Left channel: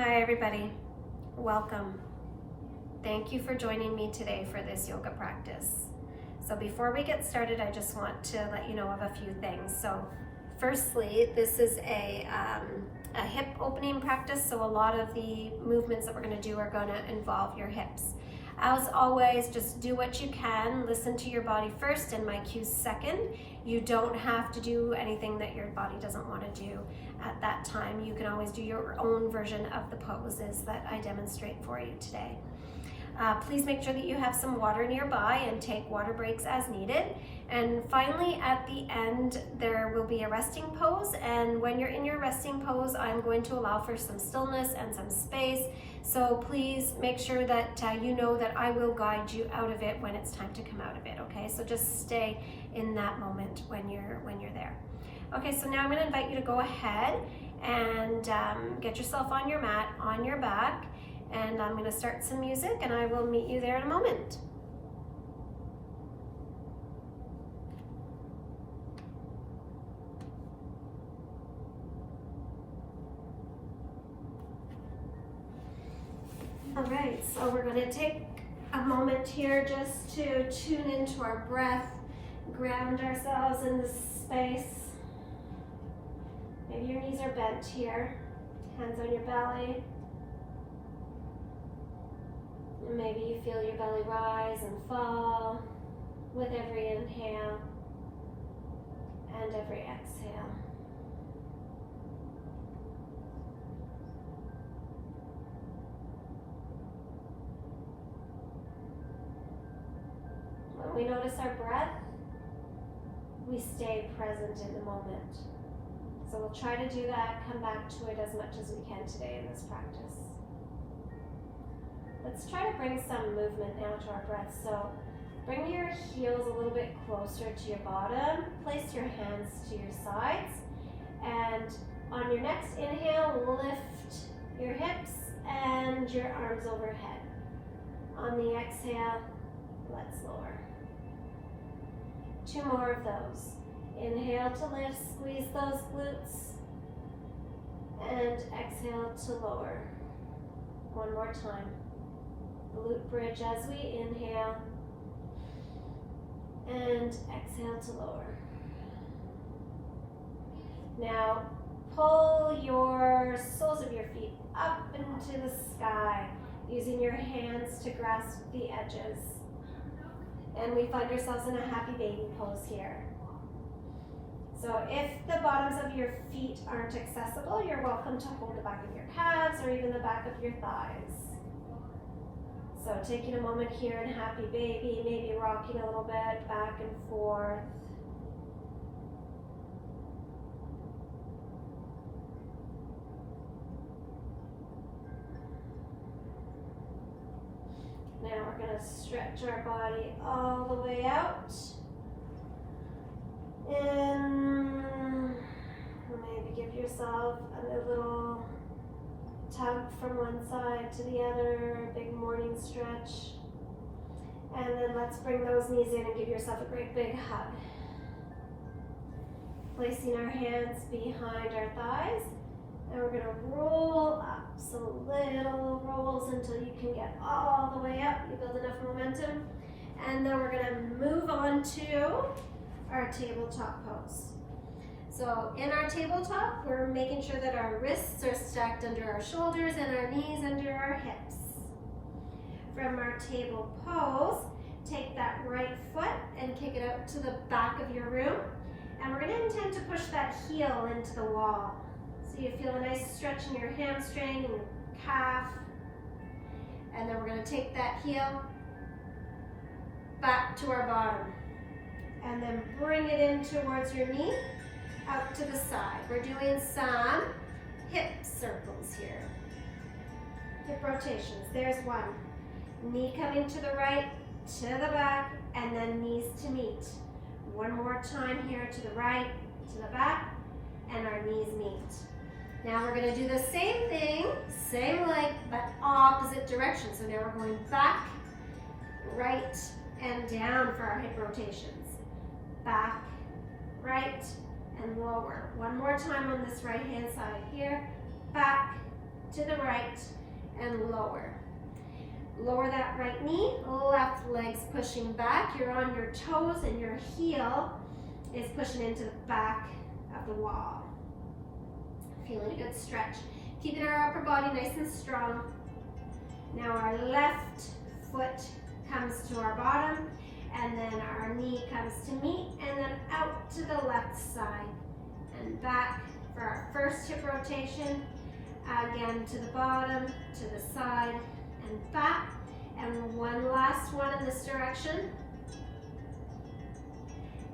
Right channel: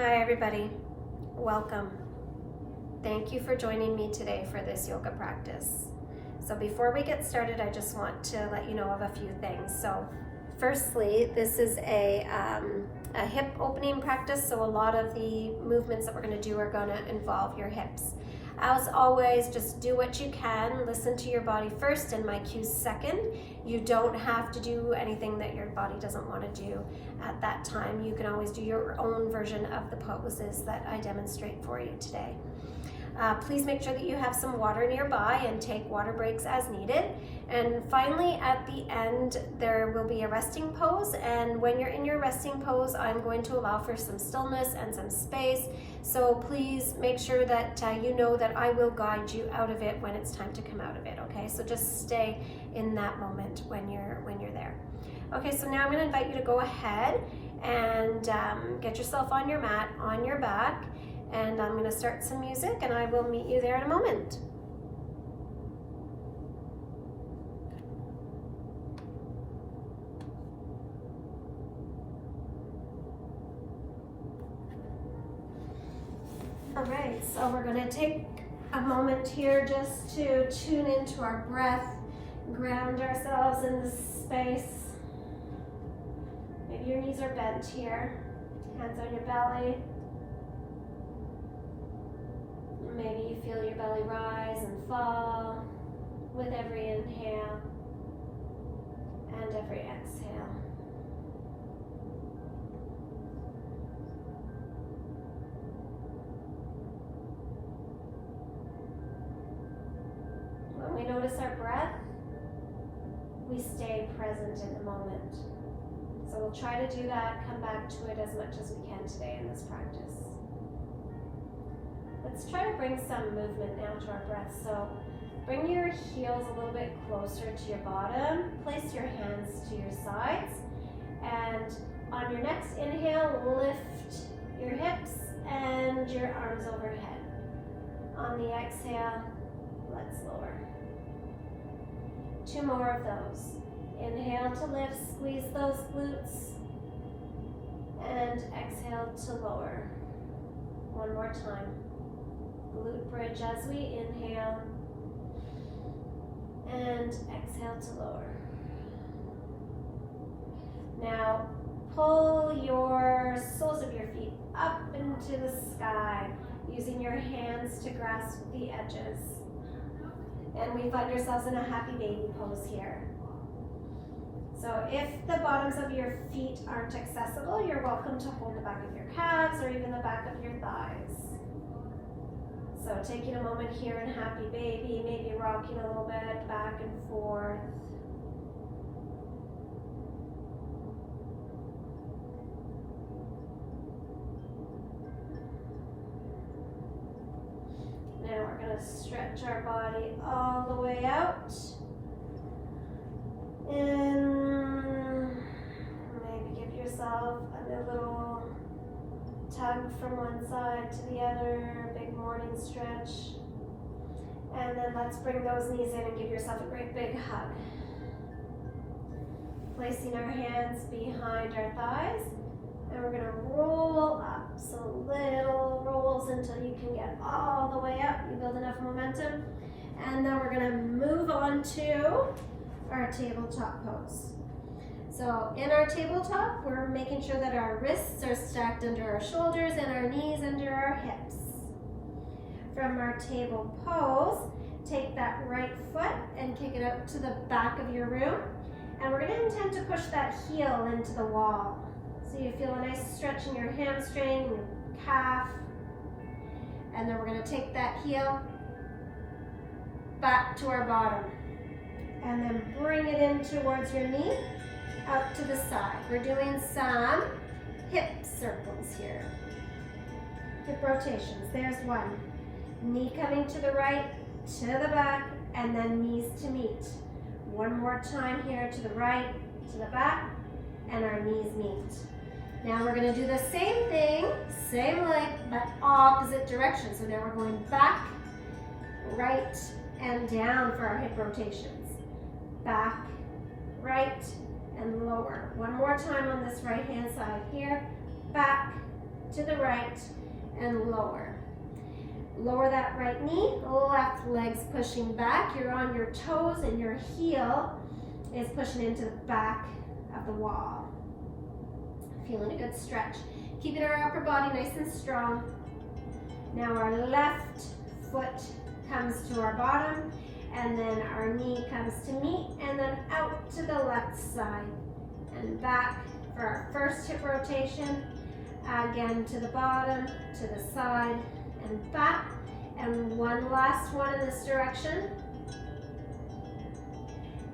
Hi everybody, welcome. Thank you for joining me today for this yoga practice. So before we get started, I just want to let you know of a few things. So firstly, this is a hip opening practice, so a lot of the movements that we're going to do are going to involve your hips. As always, just do what you can. Listen to your body first and my cues second. You don't have to do anything that your body doesn't want to do at that time. You can always do your own version of the poses that I demonstrate for you today. Please make sure that you have some water nearby and take water breaks as needed. And finally, at the end, there will be a resting pose. And when you're in your resting pose, I'm going to allow for some stillness and some space. So please make sure that you know that I will guide you out of it when it's time to come out of it, okay? So just stay in that moment when you're there. Okay, so now I'm gonna invite you to go ahead and get yourself on your mat, on your back, and I'm gonna start some music and I will meet you there in a moment. All right, so we're going to take a moment here just to tune into our breath, ground ourselves in this space. Maybe your knees are bent here, hands on your belly. Maybe you feel your belly rise and fall with every inhale and every exhale. When we notice our breath, we stay present in the moment. So we'll try to do that, come back to it as much as we can today in this practice. Let's try to bring some movement now to our breath. So bring your heels a little bit closer to your bottom, place your hands to your sides, and on your next inhale, lift your hips and your arms overhead. On the exhale, let's lower. 2 more of those. Inhale to lift, squeeze those glutes, and exhale to lower. 1 more time. Glute bridge as we inhale, and exhale to lower. Now, pull your soles of your feet up into the sky, using your hands to grasp the edges. And we find ourselves in a happy baby pose here. So if the bottoms of your feet aren't accessible, you're welcome to hold the back of your calves or even the back of your thighs. So taking a moment here in happy baby, maybe rocking a little bit back and forth. Now we're going to stretch our body all the way out. And maybe give yourself a little tug from one side to the other, big morning stretch. And then let's bring those knees in and give yourself a great big hug. Placing our hands behind our thighs. And we're going to roll up. So little rolls until you can get all the way up. You build enough momentum. And then we're going to move on to our tabletop pose. So in our tabletop, we're making sure that our wrists are stacked under our shoulders and our knees under our hips. From our table pose, take that right foot and kick it out to the back of your room. And we're going to intend to push that heel into the wall. So you feel a nice stretch in your hamstring and your calf. And then we're going to take that heel back to our bottom. And then bring it in towards your knee, out to the side. We're doing some hip circles here. Hip rotations. There's one. Knee coming to the right, to the back, and then knees to meet. 1 more time here, to the right, to the back, and our knees meet. Now we're going to do the same thing, same leg, but opposite direction. So now we're going back, right, and down for our hip rotations. Back, right, and lower. 1 more time on this right hand side here. Back, to the right, and lower. Lower that right knee, left leg's pushing back. You're on your toes and your heel is pushing into the back of the wall. Feeling a good stretch. Keeping our upper body nice and strong. Now our left foot comes to our bottom, and then our knee comes to meet, and then out to the left side and back for our first hip rotation. Again to the bottom, to the side, and back. And one last one in this direction.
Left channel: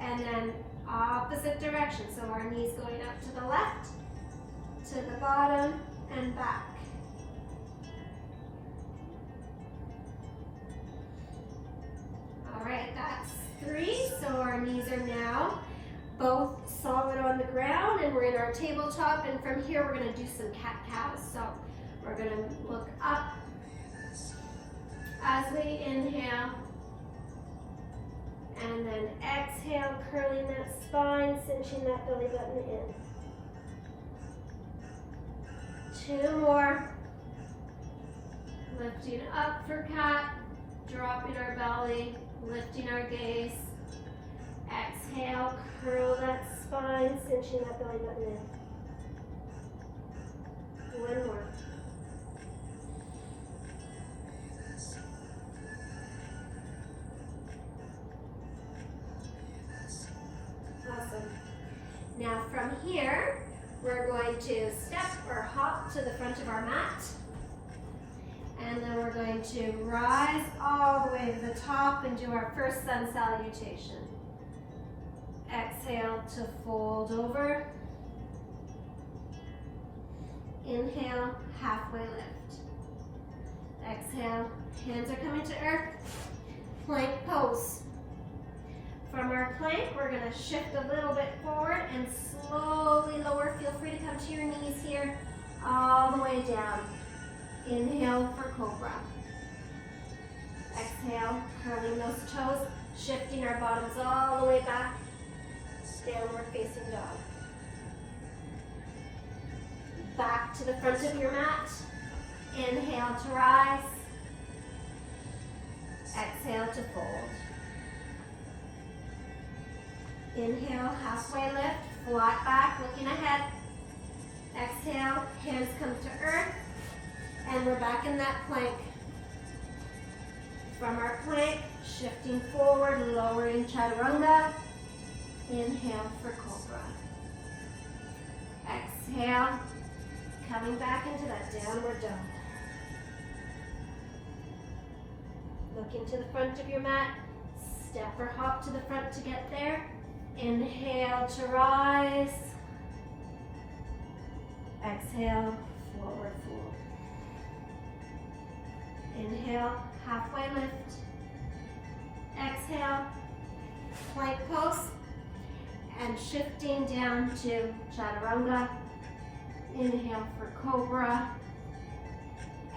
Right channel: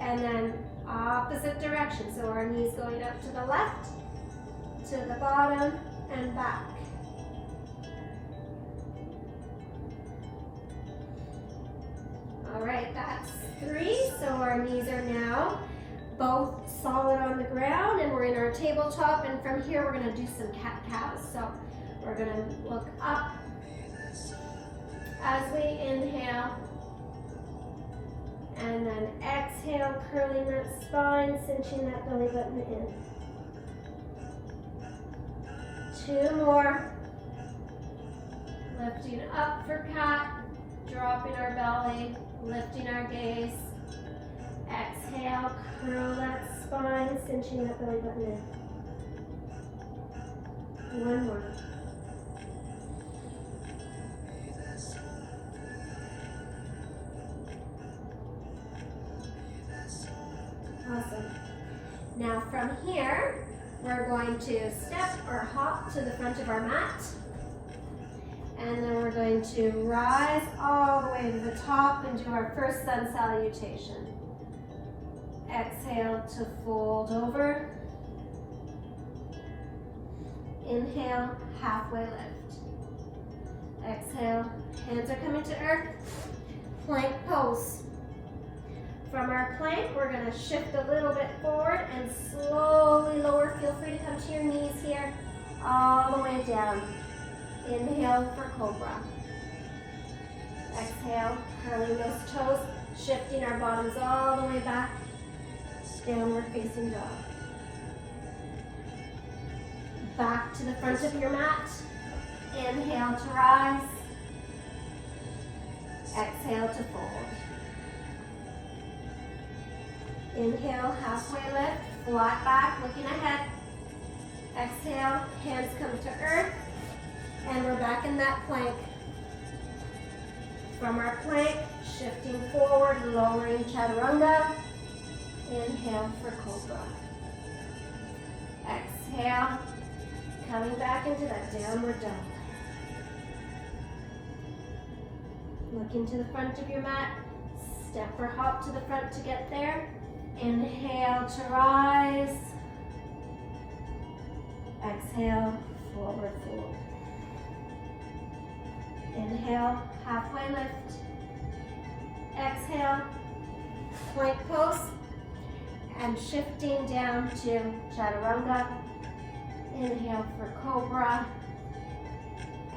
And then opposite direction. So our knees going out to the left, to the bottom, and back. All right, that's 3. So our knees are now both solid on the ground, and we're in our tabletop. And from here, we're going to do some cat-cows. So we're going to look up as we inhale, and then exhale, curling that spine, cinching that belly button in. 2 more. Lifting up for cat, dropping our belly, lifting our gaze. Exhale, curl that spine, cinching that belly button in. 1 more. Awesome. Now from here, we're going to step or hop to the front of our mat. And then we're going to rise all the way to the top and do our first sun salutation. Exhale to fold over. Inhale, halfway lift. Exhale, hands are coming to earth. Plank pose. From our plank, we're going to shift a little bit forward and slowly lower. Feel free to come to your knees here, all the way down. Inhale for cobra. Exhale, curling those toes, shifting our bottoms all the way back. Downward facing dog. Back to the front of your mat. Inhale to rise. Exhale to fold. Inhale, halfway lift, flat back, looking ahead. Exhale, hands come to earth, and we're back in that plank. From our plank, shifting forward, lowering chaturanga. Inhale for cobra. Exhale, coming back into that downward dog. Looking to the front of your mat, step or hop to the front to get there. Inhale to rise. Exhale, forward fold. Inhale, halfway lift. Exhale, plank pose. And shifting down to chaturanga. Inhale for cobra.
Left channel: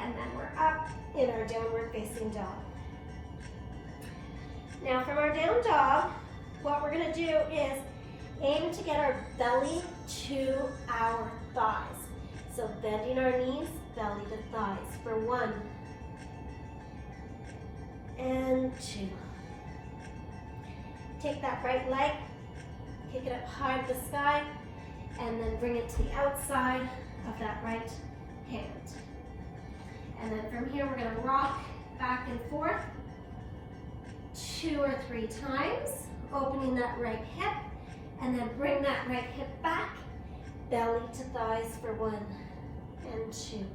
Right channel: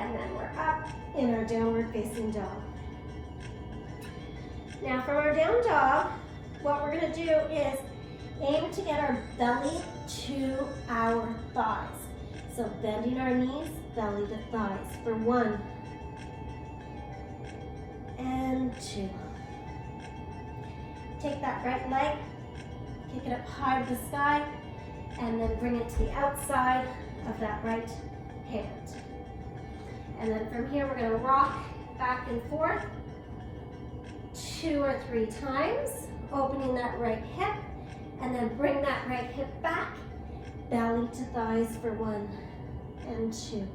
And then we're up in our downward facing dog. Now from our down dog, what we're going to do is aim to get our belly to our thighs. So bending our knees, belly to thighs for 1 and 2. Take that right leg, kick it up high to the sky, and then bring it to the outside of that right hand. And then from here, we're going to rock back and forth 2 or 3 times, opening that right hip, and then bring that right hip back, belly to thighs for 1 and 2.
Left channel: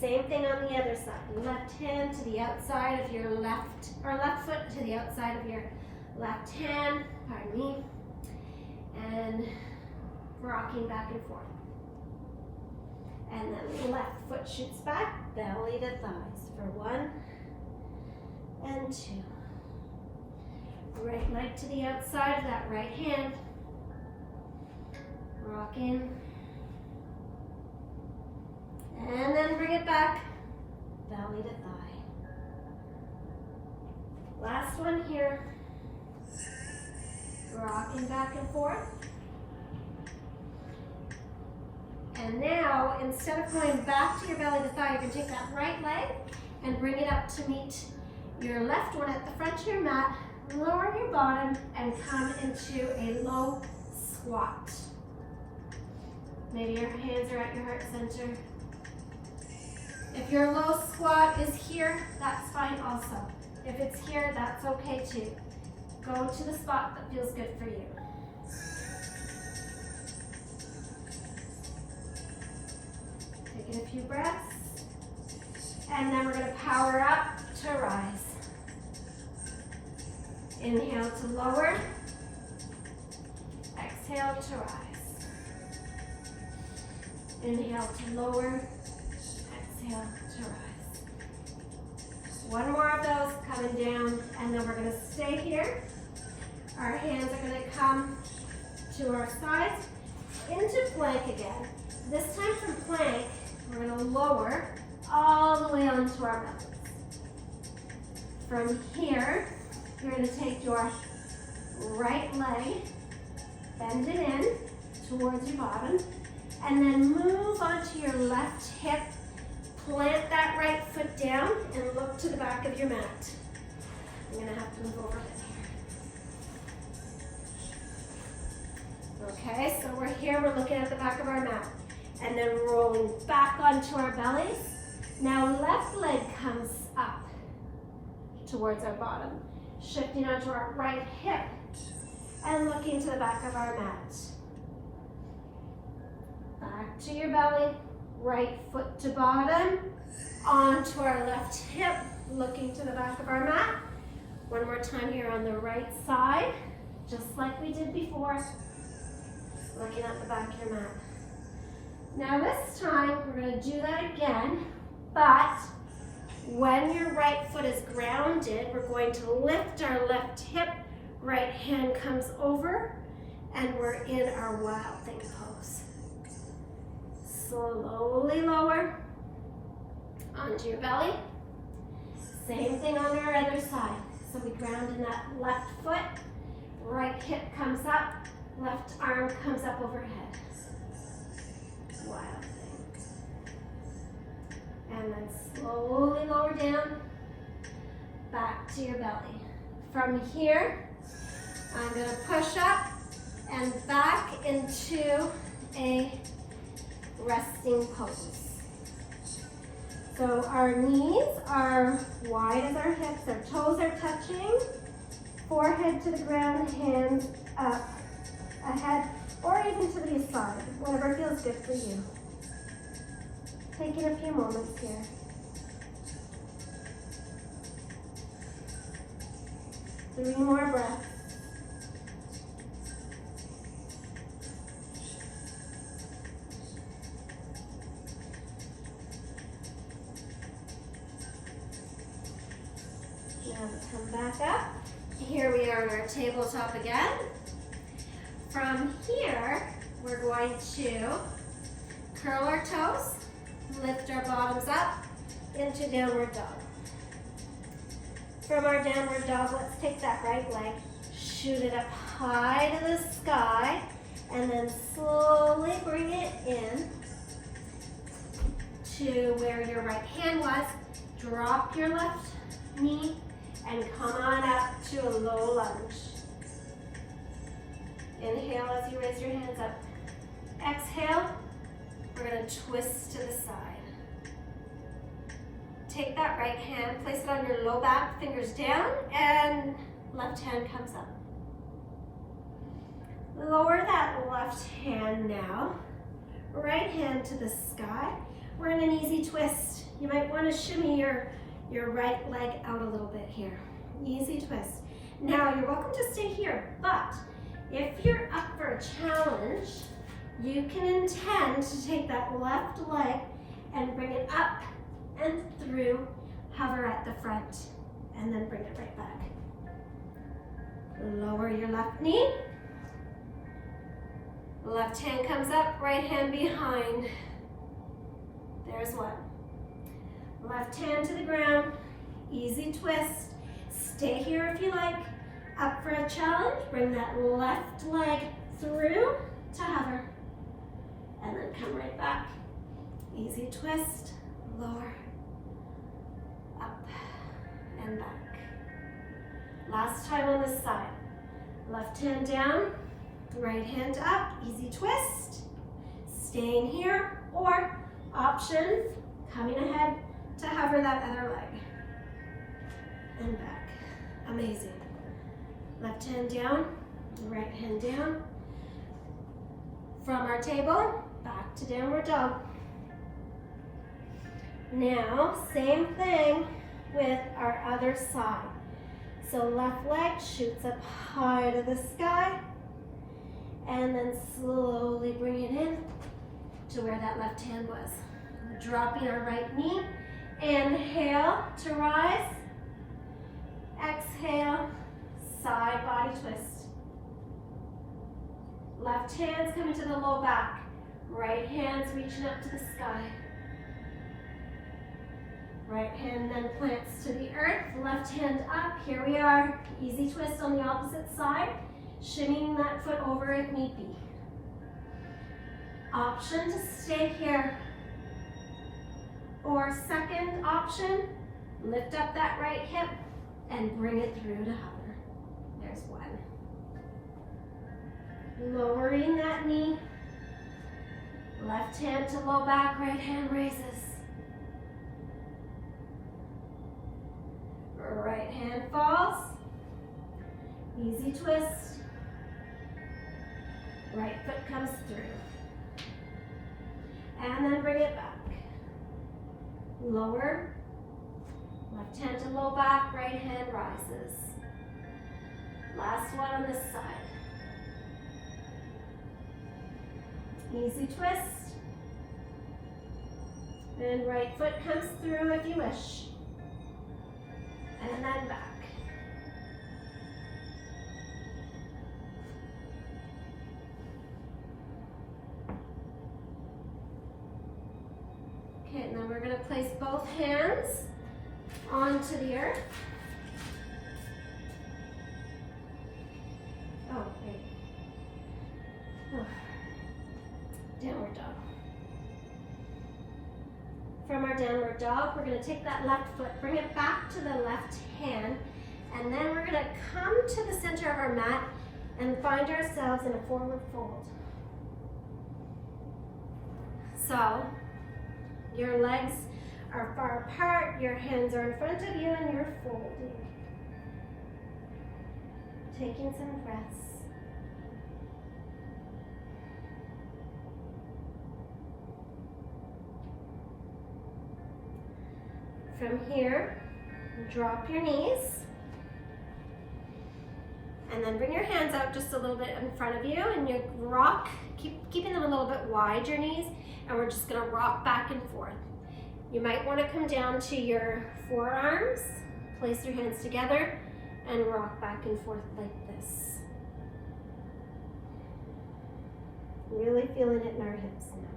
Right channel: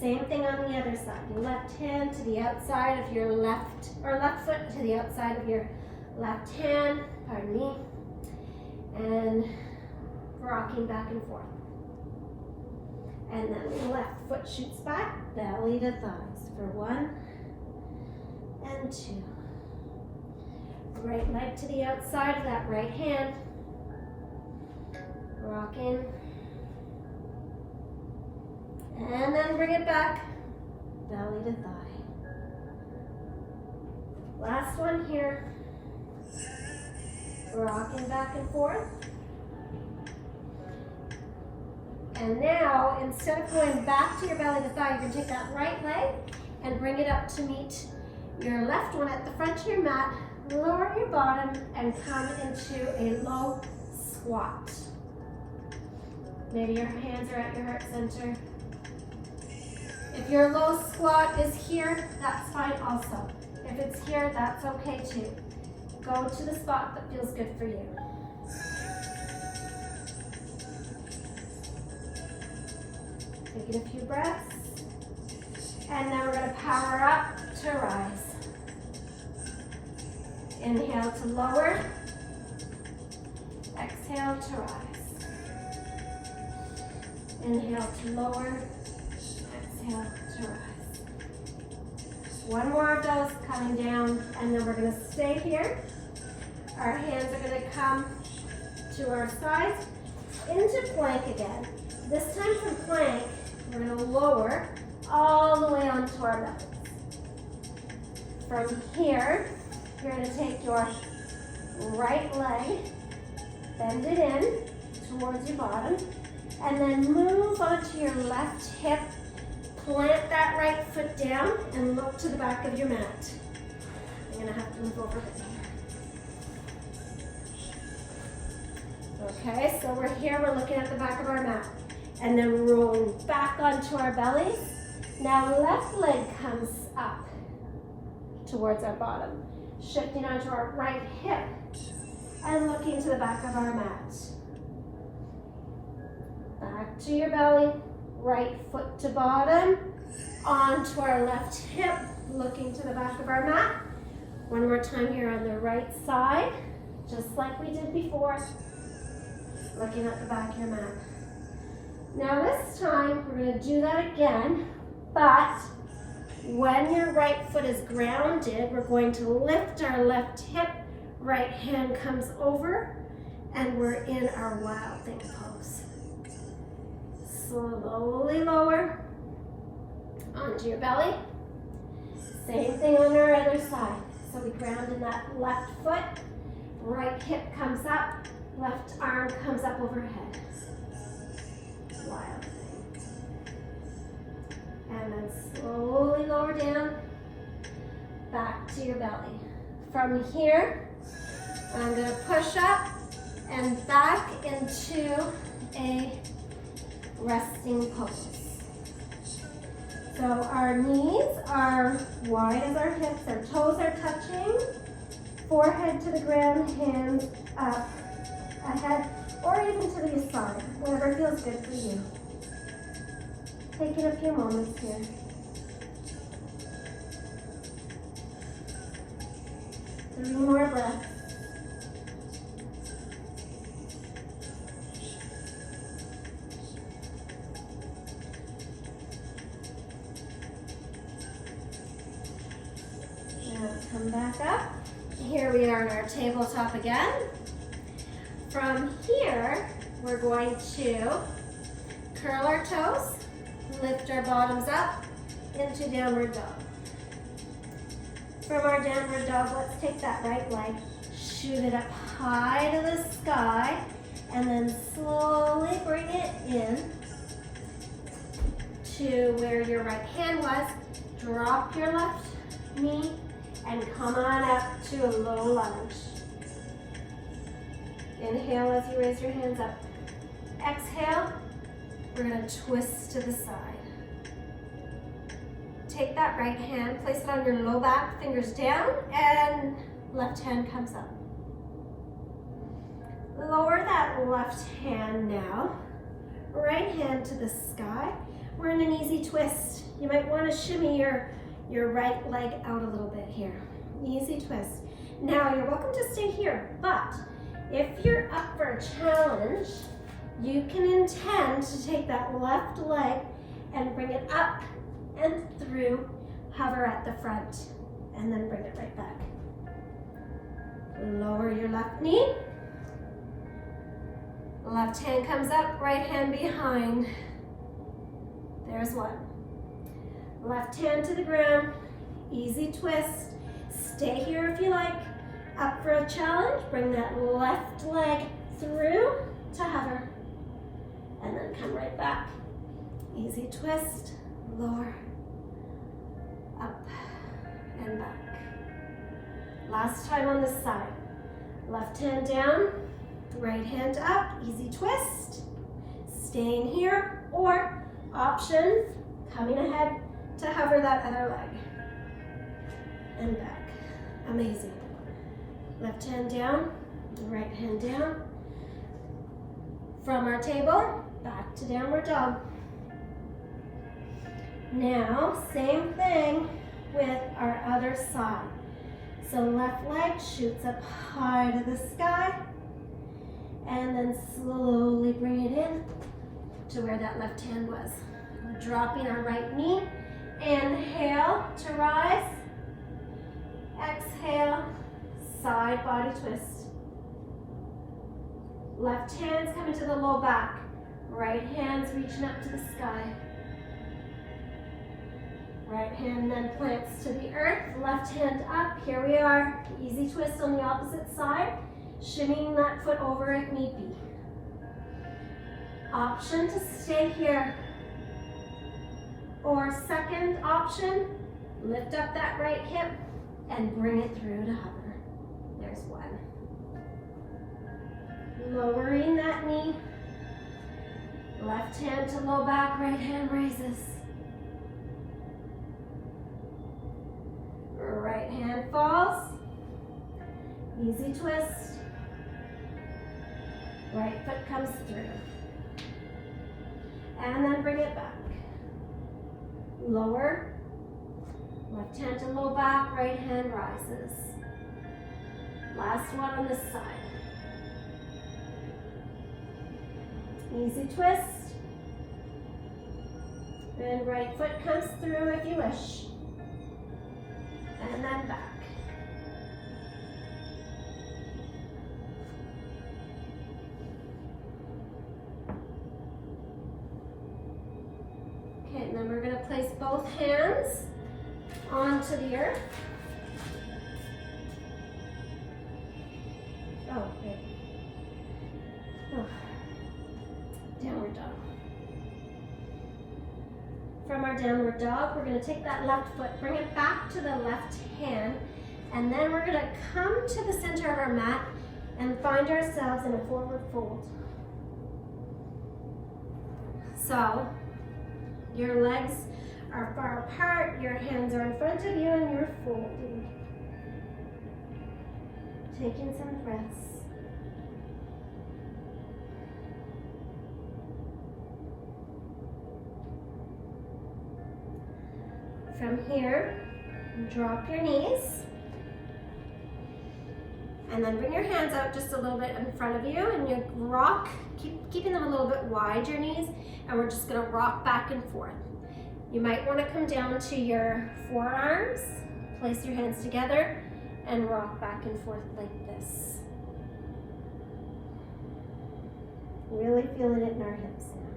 Same thing on the other side. Left hand to the outside of your left, or left foot to the outside of your left hand, pardon me, and rocking back and forth. And then the left foot shoots back, belly to thighs for 1 and 2. Right leg to the outside of that right hand. Rocking. And then bring it back, belly to thigh. Last one here. Rocking back and forth. And now, instead of going back to your belly to thigh, you're going to take that right leg and bring it up to meet your left one at the front of your mat. Lower your bottom and come into a low squat. Maybe your hands are at your heart center. If your low squat is here, that's fine also. If it's here, that's okay too. Go to the spot that feels good for you. Taking a few breaths. And then we're going to power up to rise. Inhale to lower. Exhale to rise. Inhale to lower. Exhale to rise. One more of those coming down, and then we're going to stay here. Our hands are going to come to our sides into plank again. This time from plank, we're going to lower all the way onto our bellies. From here, you're going to take your right leg, bend it in towards your bottom, and then move onto your left hip. Plant that right foot down and look to the back of your mat. I'm going to have to move over here. Okay, so we're here, we're looking at the back of our mat. And then rolling back onto our bellies. Now left leg comes up towards our bottom. Shifting onto our right hip and looking to the back of our mat. Back to your belly. Right foot to bottom, onto our left hip, looking to the back of our mat. One more time here on the right side, just like we did before, looking at the back of your mat. Now this time, we're going to do that again, but when your right foot is grounded, we're going to lift our left hip, right hand comes over, and we're in our wild thing pose. Slowly lower onto your belly. Same thing on our other side. So we ground in that left foot, right hip comes up, left arm comes up overhead. Wild thing. And then slowly lower down, back to your belly. From here, I'm going to push up and back into a resting pose. So our knees are wide as our hips, our toes are touching, forehead to the ground, hands up, ahead, or even to the side, whatever feels good for you. Taking a few moments here. Three more breaths. Come back up. Here we are on our tabletop again. From here, we're going to curl our toes, lift our bottoms up into downward dog. From our downward dog, let's take that right leg, shoot it up high to the sky, and then slowly bring it in to where your right hand was. Drop your left knee and come on up to a low lunge. Inhale as you raise your hands up. Exhale, we're going to twist to the side. Take that right hand, place it on your low back, fingers down, and left hand comes up. Lower that left hand now. Right hand to the sky. We're in an easy twist. You might want to shimmy your right leg out a little bit here. Easy twist. Now you're welcome to stay here, but if you're up for a challenge, you can intend to take that left leg and bring it up and through, hover at the front, and then bring it right back. Lower your left knee. Left hand comes up, right hand behind. There's one. Left hand to the ground, easy twist. Stay here if you like. Up for a challenge, bring that left leg through to hover. and then come right back. Easy twist, lower, up, and back. Last time on this side. Left hand down, right hand up, easy twist. Staying here, or option, coming ahead to hover that other leg. And back. Amazing. Left hand down, right hand down. From our table, back to downward dog. Now, same thing with our other side. So left leg shoots up high to the sky, and then slowly bring it in to where that left hand was. Dropping our right knee. Inhale to rise. Exhale, side body twist. Left hand's coming to the low back. Right hand's reaching up to the sky. Right hand then plants to the earth. Left hand up. Here we are. Easy twist on the opposite side. Shimmying that foot over if need be. Option to stay here. Or second option, lift up that right hip and bring it through to hover. There's one. Lowering that knee. Left hand to low back, right hand raises. Right hand falls. Easy twist. Right foot comes through. And then bring it back. Lower. Left hand to low back, right hand rises. Last one on this side. Easy twist. And right foot comes through if you wish. And then back. Okay, and then we're going to place both hands onto the earth. Oh, wait. Oh. Downward dog. From our downward dog, we're going to take that left foot, bring it back to the left hand, and then we're going to come to the center of our mat and find ourselves in a forward fold. So, your legs are far apart, your hands are in front of you, and you're folding. Taking some breaths. From here, drop your knees, and then bring your hands out just a little bit in front of you, and you rock, keeping them a little bit wide, your knees, and we're just gonna rock back and forth. You might wanna come down to your forearms, place your hands together, and rock back and forth like this. Really feeling it in our hips now.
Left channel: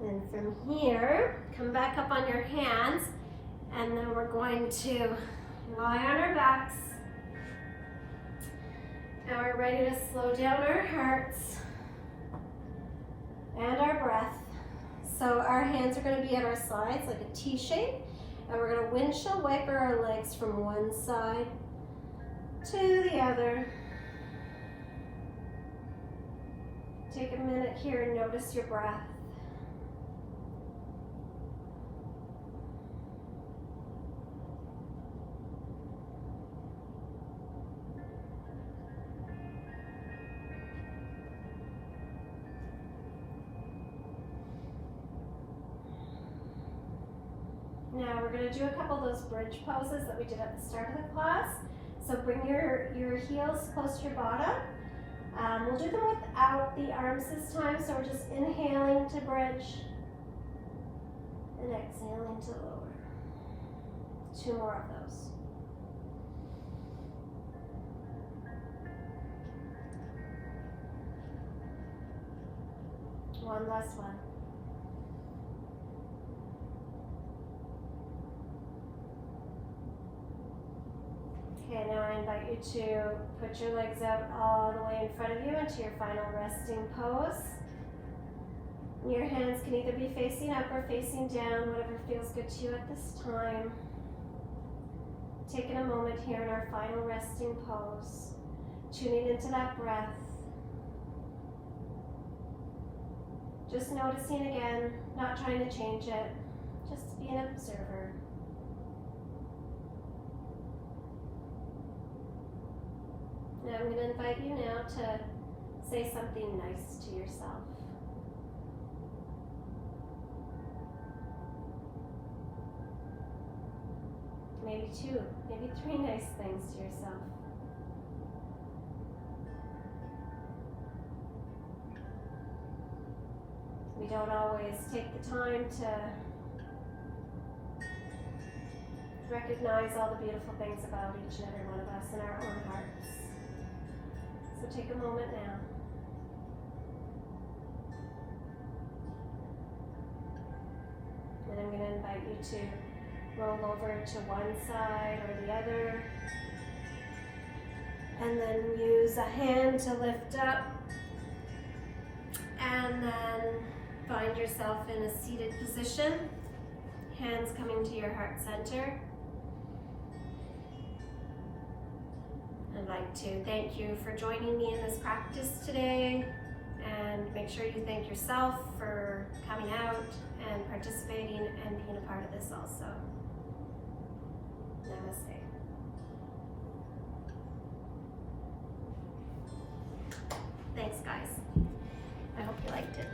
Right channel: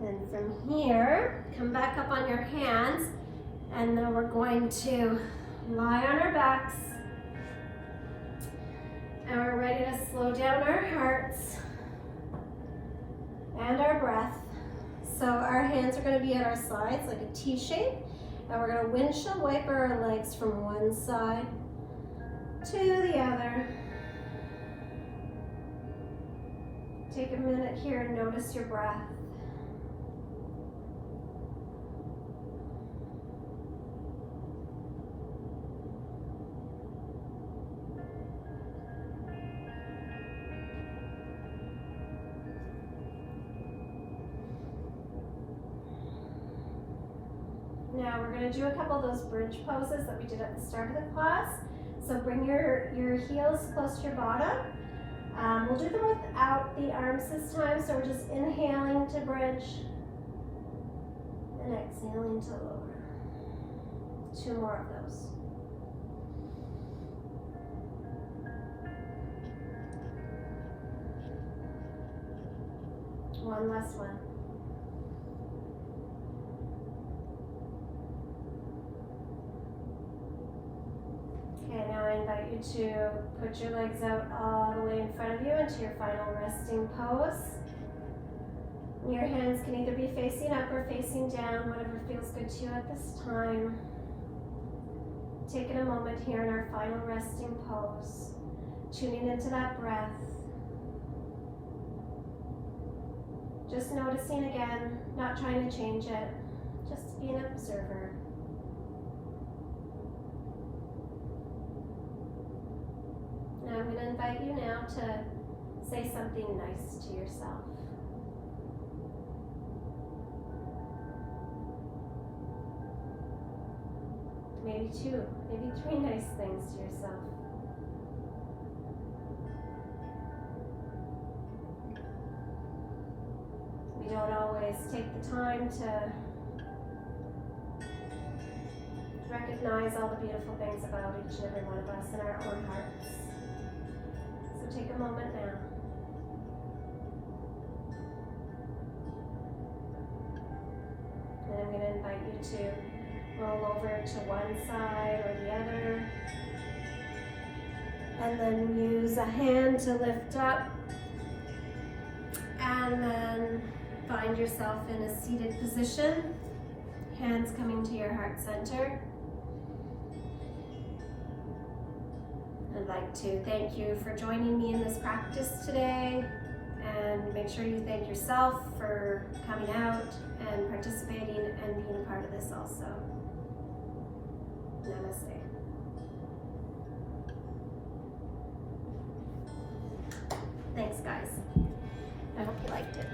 Then from here, come back up on your hands, and then we're going to lie on our backs. And we're ready to slow down our hearts and our breath. So our hands are going to be at our sides like a T shape, and we're going to windshield wiper our legs from one side to the other. Take a minute here and notice your breath. Now we're going to do a couple of those bridge poses that we did at the start of the class. So bring your heels close to your bottom. We'll do them without the arms this time. So we're just inhaling to bridge and exhaling to lower. 2 more of those. One last one. you to put your legs out all the way in front of you into your final resting pose. Your hands can either be facing up or facing down, whatever feels good to you at this time. Taking a moment here in our final resting pose, tuning into that breath. Just noticing again, not trying to change it, just be an observer. Now I'm going to invite you now to say something nice to yourself. Maybe 2, maybe 3 nice things to yourself. We don't always take the time to recognize all the beautiful things about each and every one of us in our own hearts. So take a moment now. And I'm going to invite you to roll over to one side or the other. And then use a hand to lift up. And then find yourself in a seated position. Hands coming to your heart center. I'd like to thank you for joining me in this practice today. And make sure you thank yourself for coming out and participating and being a part of this also. Namaste. Thanks, guys. I hope you liked it.